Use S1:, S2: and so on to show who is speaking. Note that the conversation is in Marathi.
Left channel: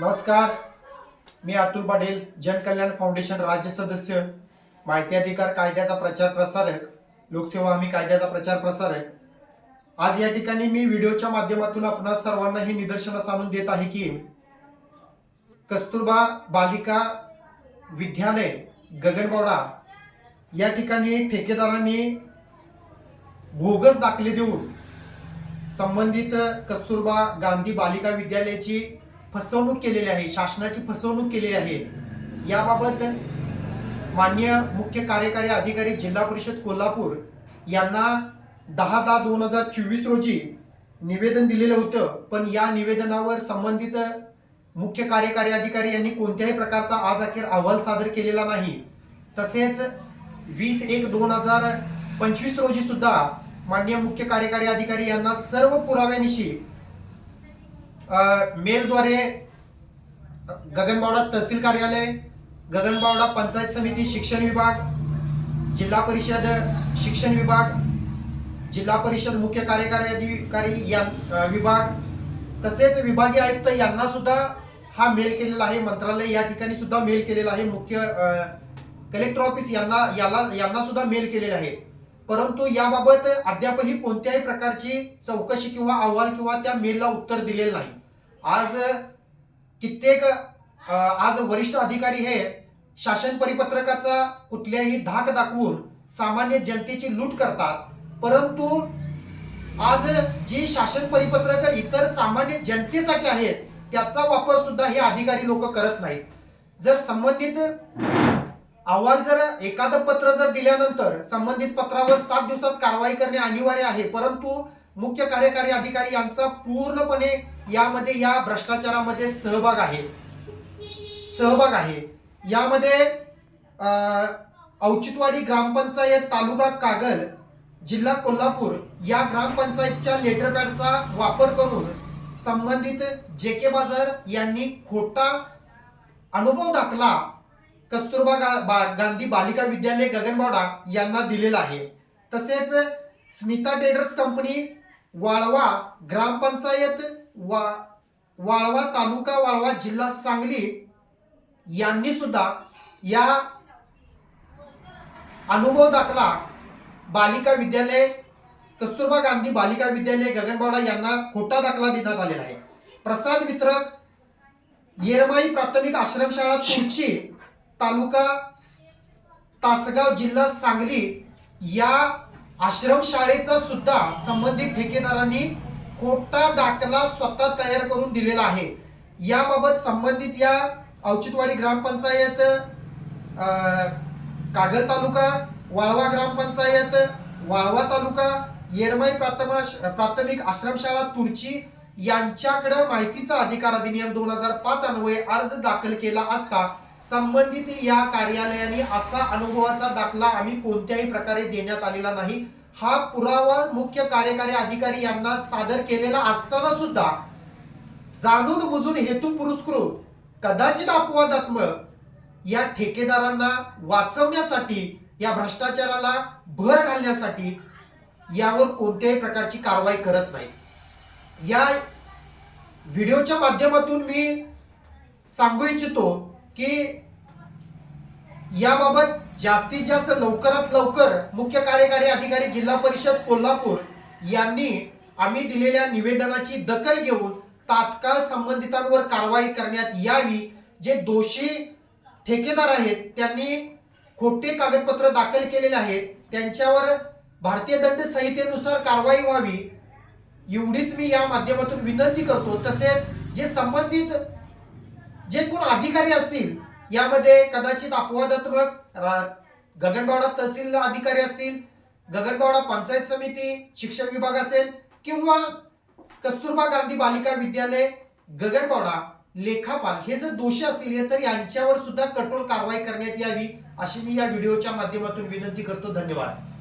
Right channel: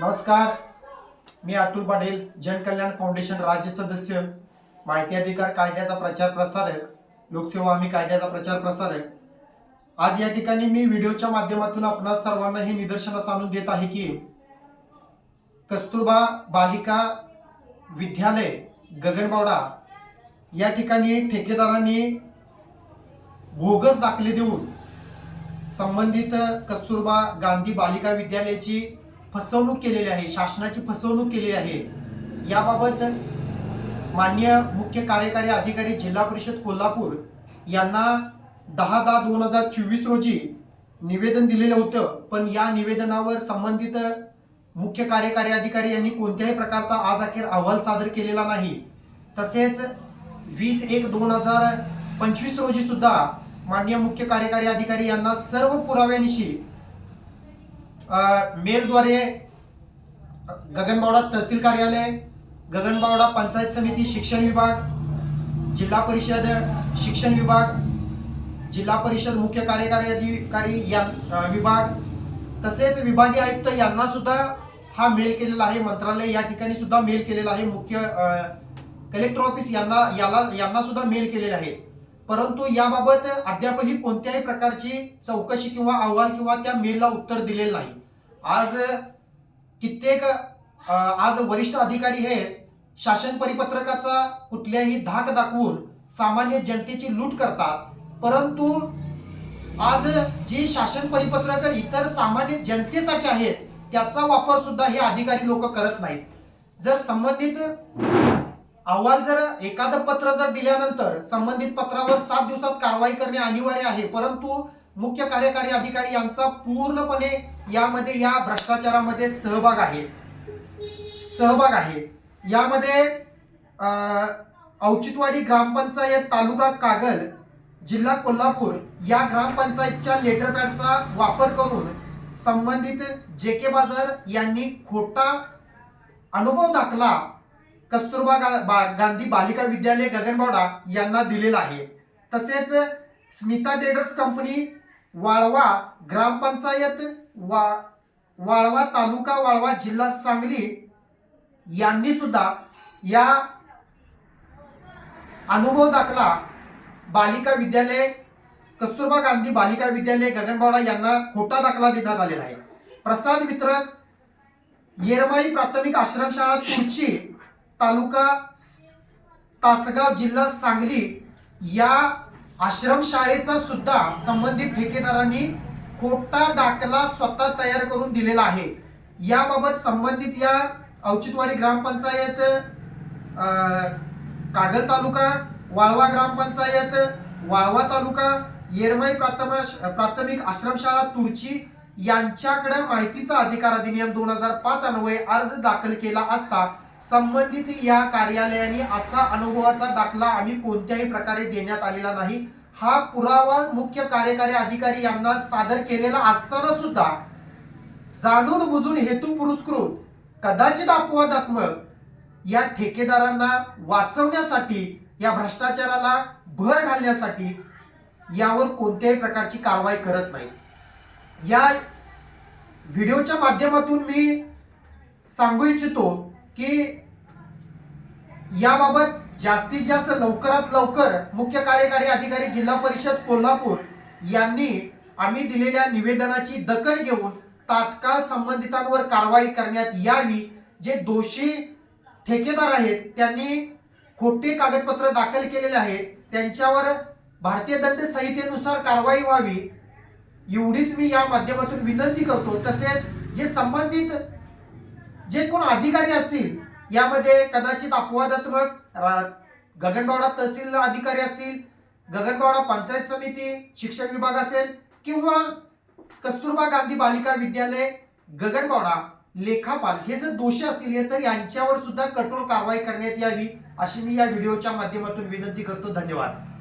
S1: नमस्कार. मी अतुल पाटील जनकल्याण फाउंडेशन राज्य सदस्य माहिती अधिकार कायद्याचा प्रचार प्रसारक लोकसेवा हमी कायद्याचा प्रचार प्रसारक. आज या ठिकाणी मी व्हिडिओच्या माध्यमातून आपणा सर्वांना हे निदर्शनास आणून देत आहे की कस्तुरबा बालिका विद्यालय गगनबावडा या ठिकाणी ठेकेदारांनी भोगस दाखले देऊन संबंधित कस्तुरबा गांधी बालिका विद्यालयाची फसवणूक केलेली आहे शासनाची फसवणूक केलेली आहे. याबाबत मान्य मुख्य कार्यकारी अधिकारी जिल्हा परिषद कोल्हापूर यांना दहा दहा दोन हजार चोवीस रोजी निवेदन दिलेलं होतं. पण या निवेदनावर संबंधित मुख्य कार्यकारी अधिकारी यांनी कोणत्याही प्रकारचा आज अखेर अहवाल सादर केलेला नाही. तसेच वीस एक दोन हजार पंचवीस रोजी सुद्धा माननीय मुख्य कार्यकारी अधिकारी यांना सर्व पुराव्यानिशी मेलद्वारे गगनबावडा तहसील कार्यालय गगनबावडा पंचायत समिती शिक्षण विभाग जिल्हा परिषद शिक्षण विभाग जिल्हा परिषद मुख्य कार्यकारी अधिकारी या विभाग तसेच विभागीय आयुक्त यांना सुद्धा हा मेल केलेला आहे. मंत्रालय या ठिकाणी सुद्धा मेल केलेला आहे. मुख्य कलेक्टर ऑफिस यांना याला यांना सुद्धा मेल केलेले आहे. परंतु याबाबत अद्यापही कोणत्याही प्रकारची चौकशी किंवा अहवाल किंवा त्या मेलला उत्तर दिलेलं नाही. आज कित्येक आज वरिष्ठ अधिकारी हे शासन परिपत्रकाचा कुठल्याही धाक दाखवून सामान्य जनतेची लूट करतात. परंतु आज जी शासन परिपत्रक इतर सामान्य जनतेसाठी आहेत त्याचा वापर सुद्धा हे अधिकारी लोक करत नाहीत. जर संबंधित अहवाल जर एखादं पत्र जर दिल्यानंतर संबंधित पत्रावर सात दिवसात कारवाई करणे अनिवार्य आहे परंतु मुख्य कार्यकारी अधिकारी यांचा पूर्णपणे यामध्ये या भ्रष्टाचारामध्ये सहभाग आहे. सहभाग आहे. यामध्ये औचितवाडी ग्रामपंचायत तालुका कागल जिल्हा कोल्हापूर या ग्रामपंचायतच्या लेटर पॅडचा वापर करून संबंधित जे के बाजार यांनी खोटा अनुभव दाखला कस्तुरबा गा- बा- गांधी बालिका विद्यालय गगनबावडा यांना दिलेला आहे. तसेच स्मिता ट्रेडर्स कंपनी वाळवा ग्रामपंचायत वा वाळवा तालुका वाळवा जिल्हा सांगली यांनी सुद्धा या अनुभव दाखला बालिका विद्यालय कस्तुरबा गांधी बालिका विद्यालय गगनबावडा यांना खोटा दाखला देण्यात आलेला आहे. प्रसाद वितरक येरमाई प्राथमिक आश्रमशाळा तुळची तालुका तासगाव जिल्हा सांगली या आश्रमशाळेचा सुद्धा संबंधित ठेकेदारांनी खोटा दाखला स्वतः तयार करून दिलेला आहे. याबाबत संबंधित या औचितवाडी ग्रामपंचायत कागल तालुका वाळवा ग्रामपंचायत वाळवा तालुका येरमाई प्राथमिक प्राथमिक आश्रमशाळा तुर्ची यांच्याकडे माहितीचा अधिकार अधिनियम दोन हजार पाच अन्वये अर्ज दाखल केला असता संबंधित या कार्यालयाने असा अनुभवाचा दाखला आम्ही कोणत्याही प्रकारे देण्यात आलेला नाही. हा पुरावा मुख्य कार्यकारी अधिकारी यांना सादर केलेला असताना सुद्धा जाणून बुजून हेतू पुरस्कृत कदाचित अपवादात्मक या ठेकेदारांना वाचवण्यासाठी या भ्रष्टाचाराला भर घालण्यासाठी यावर कोणत्याही प्रकारची कारवाई करत नाही. या व्हिडिओच्या माध्यमातून मी सांगू इच्छितो की याबाबत जास्तीत जास्त लवकरात लवकर मुख्य कार्यकारी अधिकारी जिल्हा परिषद कोल्हापूर यांनी आम्ही दिलेल्या निवेदनाची दखल घेऊन तात्काळ संबंधितांवर कारवाई करण्यात यावी. जे दोषी ठेकेदार आहेत त्यांनी खोटे कागदपत्र दाखल केलेले आहेत त्यांच्यावर भारतीय दंड संहितेनुसार कारवाई व्हावी. एवढीच मी या माध्यमातून विनंती करतो. तसेच जे संबंधित जे कोण अधिकारी असतील यामध्ये कदाचित अपवादात्मक रा- गगनबावडा तहसील अधिकारी असतील गगनबावडा पंचायत समिती शिक्षण विभाग असेल किंवा कस्तुरबा गांधी बालिका विद्यालय गगनबावडा लेखापाल हे जर दोषी असतील तर यांच्यावर सुद्धा कठोर कारवाई करण्यात यावी अशी मी या व्हिडिओच्या माध्यमातून विनंती करतो. धन्यवाद.